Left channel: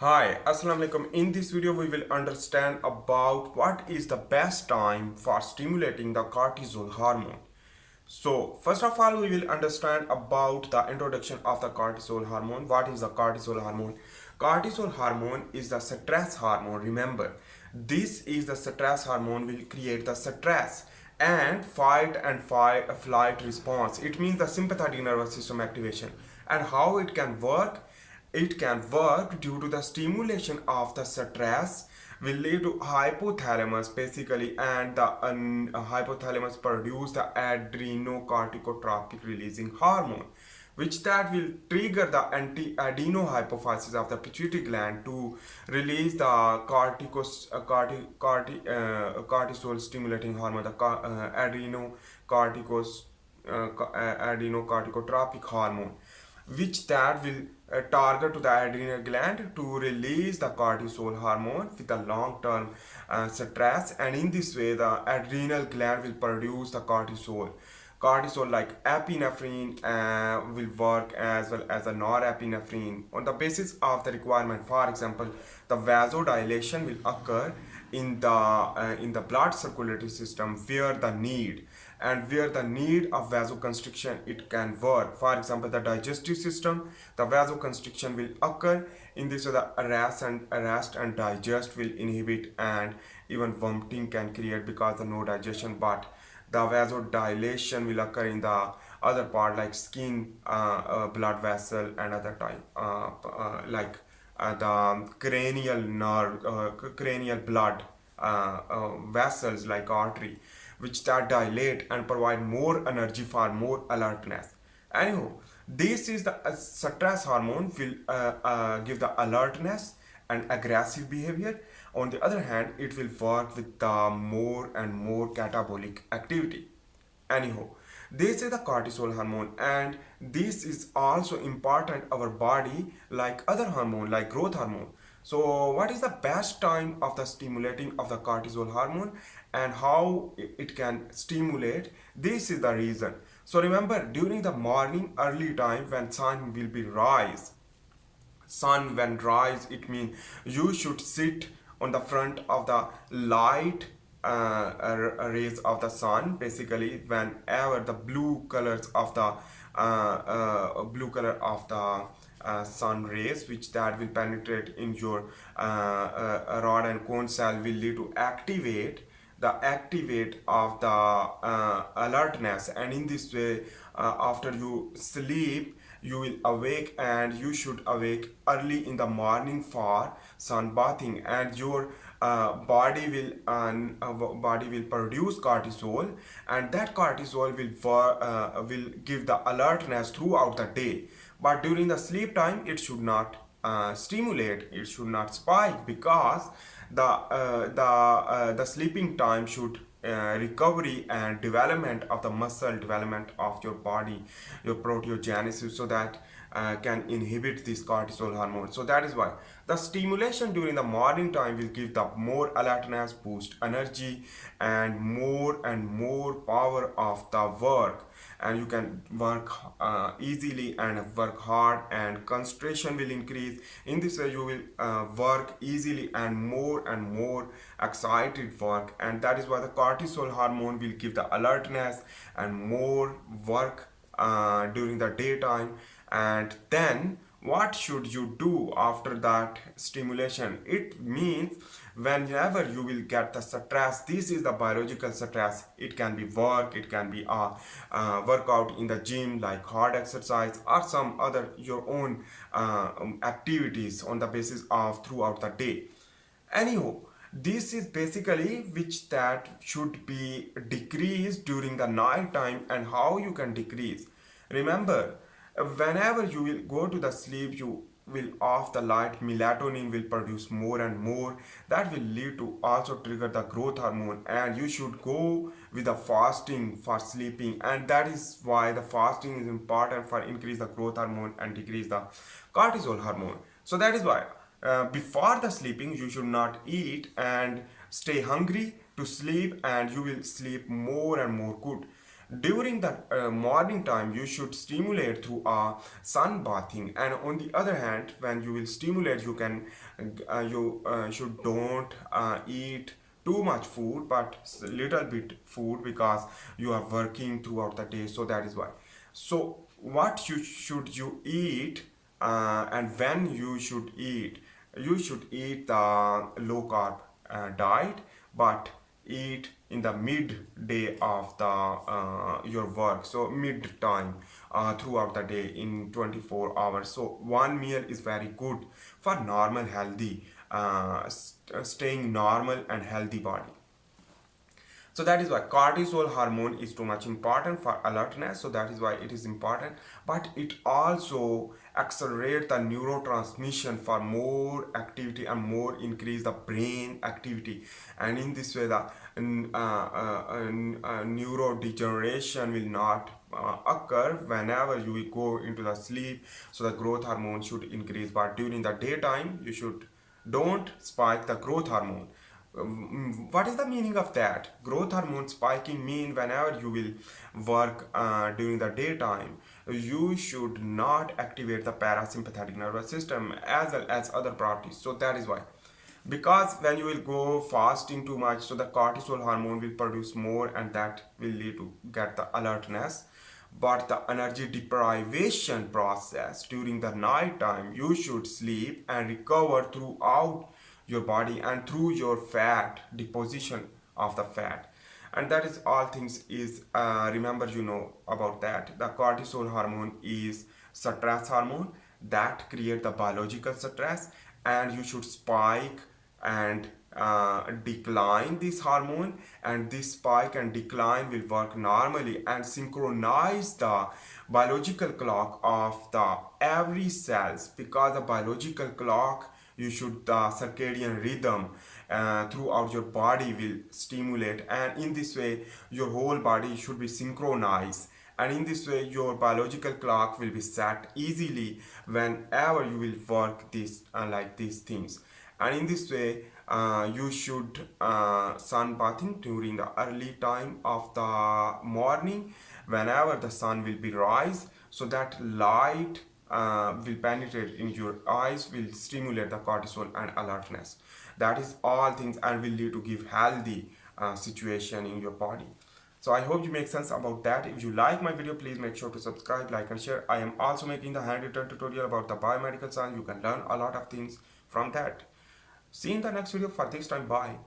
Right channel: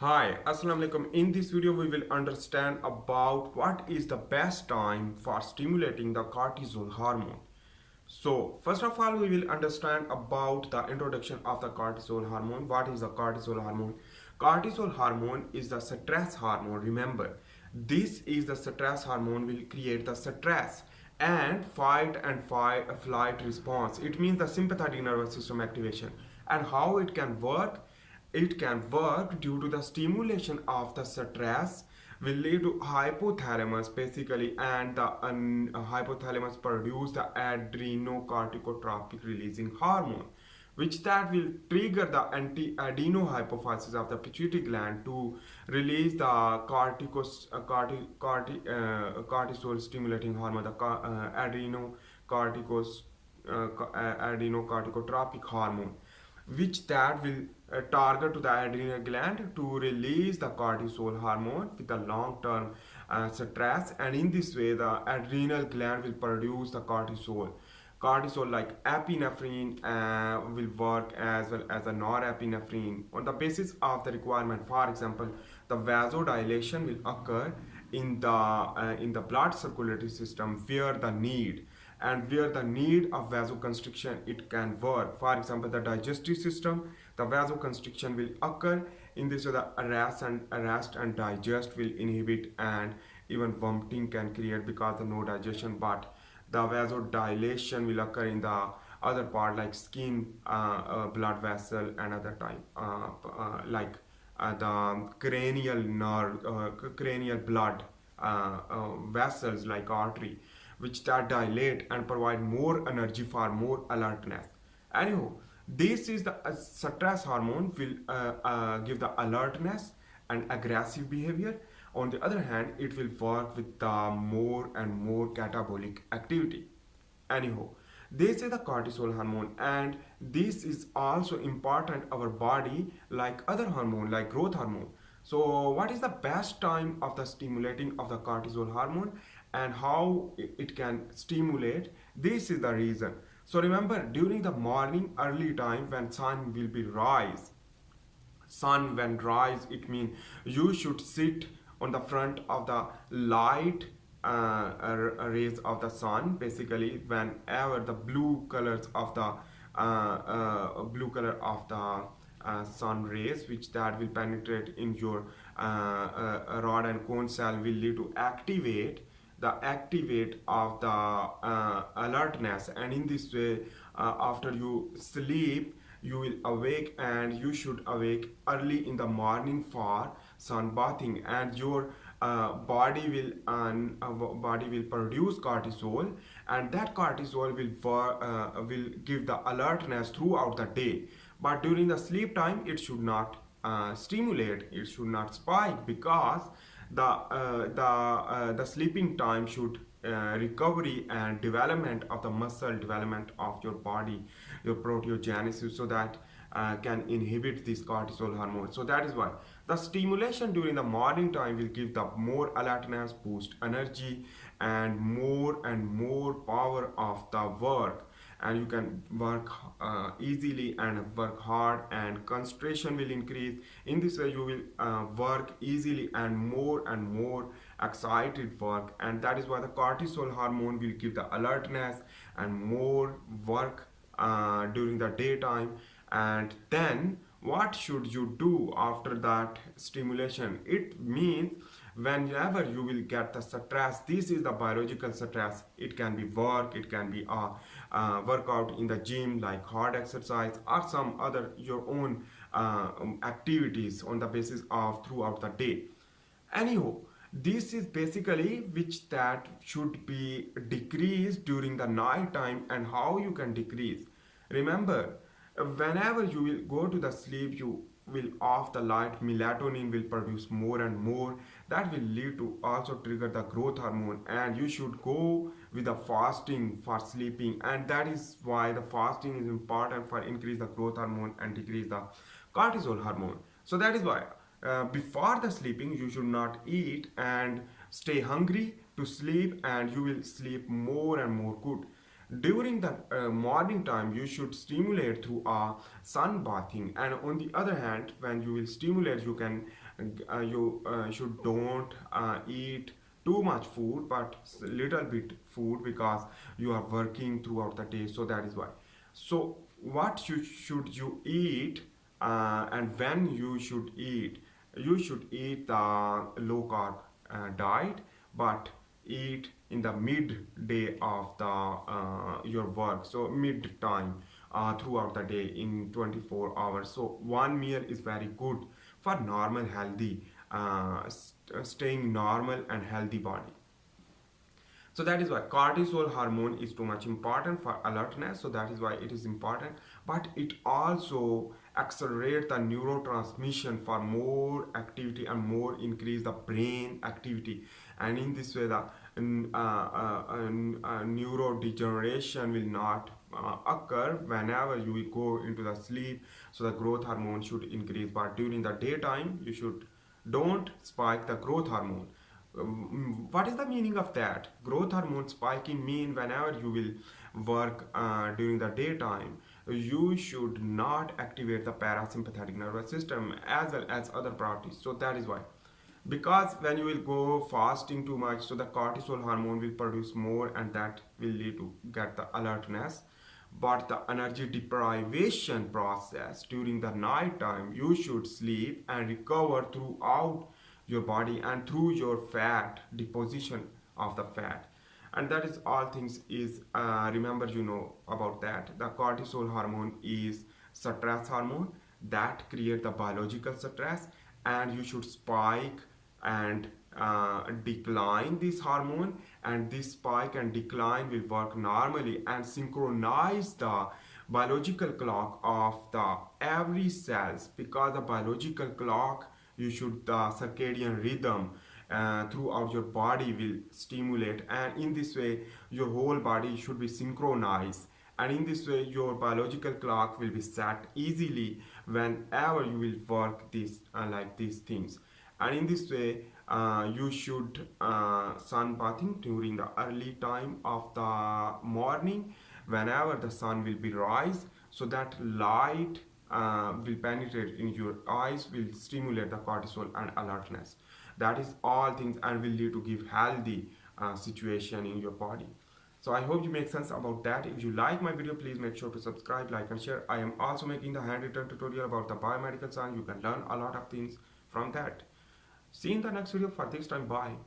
Hi, Assalamu alaikum. In this video, we will understand about what is the best time for stimulating the cortisol hormone. So, first of all, we will understand about the introduction of the cortisol hormone. What is the cortisol hormone? Cortisol hormone is the stress hormone. Remember, this is the stress hormone will create the stress and fight and flight response. It means the sympathetic nervous system activation. And how it can work? It can work due to the stimulation of the stress will lead to hypothalamus basically, and the hypothalamus produce the adrenocorticotropic releasing hormone, which that will trigger the anti-adenohypophysis of the pituitary gland to release the cortisol stimulating hormone, the adrenocorticotropic hormone, which that will target to the adrenal gland to release the cortisol hormone with the long term stress, and in this way the adrenal gland will produce the cortisol like epinephrine will work as well as a norepinephrine on the basis of the requirement. For example, the vasodilation will occur in the blood circulatory system where the need of vasoconstriction it can work. For example, the digestive system, the vasoconstriction will occur. In this way, the arrest and digest will inhibit, and even vomiting can create because of no digestion. But the vasodilation will occur in the other part like skin, blood vessel, and other type like the cranial blood vessels like artery, which that dilate and provide more energy for more alertness. Anyhow, this is the stress hormone will give the alertness and aggressive behavior. On the other hand, it will work with the more and more catabolic activity. Anyhow, this is the cortisol hormone, and this is also important our body like other hormone like growth hormone. So what is the best time of the stimulating of the cortisol hormone and how it can stimulate? This is the reason. So remember, during the morning early time when sun will be sun when rise, it means you should sit on the front of the light rays of the sun basically whenever the blue colors of the blue color of the sun rays which that will penetrate in your rod and cone cell will lead to activate of the alertness, and in this way after you sleep you will awake, and you should awake early in the morning for sunbathing, and your body will produce cortisol, and that cortisol will give the alertness throughout the day. But during the sleep time it should not stimulate, it should not spike, because the sleeping time should recovery and development of the muscle development of your body, your proteogenesis, so that can inhibit this cortisol hormone. So that is why the stimulation during the morning time will give the more alertness, boost energy, and more power of the work, and you can work easily and work hard, and concentration will increase. In this way you will work easily and more excited work, and that is why the cortisol hormone will give the alertness and more work during the daytime. And then what should you do after that stimulation? It means whenever you will get the stress, this is the biological stress. It can be work, it can be workout in the gym like hard exercise, or some other your own activities on the basis of throughout the day. Anyhow, this is basically which that should be decreased during the night time. And how you can decrease? Remember, whenever you will go to the sleep, you will off the light, melatonin will produce more and more. That will lead to also trigger the growth hormone, and you should go with the fasting for sleeping, and that is why the fasting is important for increase the growth hormone and decrease the cortisol hormone. So that is why before the sleeping you should not eat and stay hungry to sleep, and you will sleep more and more good. During the morning time, you should stimulate through sun bathing, and on the other hand, when you will stimulate, you can you should don't eat too much food, but little bit food, because you are working throughout the day. So that is why. So what you should you eat, and when you should eat? You should eat the low carb diet, but eat in the midday of the your work, so mid time throughout the day in 24 hours. So one meal is very good for normal healthy, staying normal and healthy body. So that is why cortisol hormone is too much important for alertness. So that is why it is important. But it also accelerates the neurotransmission for more activity and more increase the brain activity. And in this way, the neurodegeneration will not occur whenever you will go into the sleep. So the growth hormone should increase. But during the daytime, you should don't spike the growth hormone. What is the meaning of that? Growth hormone spiking mean whenever you will work during the daytime, you should not activate the parasympathetic nervous system as well as other properties. So that is why. Because when you will go fasting too much, so the cortisol hormone will produce more, and that will lead to get the alertness. But the energy deprivation process during the night time, you should sleep and recover throughout your body and through your fat deposition of the fat. And that is all things is remember, you know about that. The cortisol hormone is stress hormone that create the biological stress, and you should spike and decline this hormone, and this spike and decline will work normally and synchronize the biological clock of the every cells. Because the biological clock, you should the circadian rhythm throughout your body will stimulate, and in this way your whole body should be synchronized, and in this way your biological clock will be set easily whenever you will work this like these things. And in this way you should sun bathing during the early time of the morning whenever the sun will be rise, so that light will penetrate in your eyes, will stimulate the cortisol and alertness. That is all things and will lead to give healthy situation in your body. So I hope you make sense about that. If you like my video, please make sure to subscribe, like and share. I am also making the handwritten tutorial about the biomedical science. You can learn a lot of things from that. See you in the next video. For this time, bye.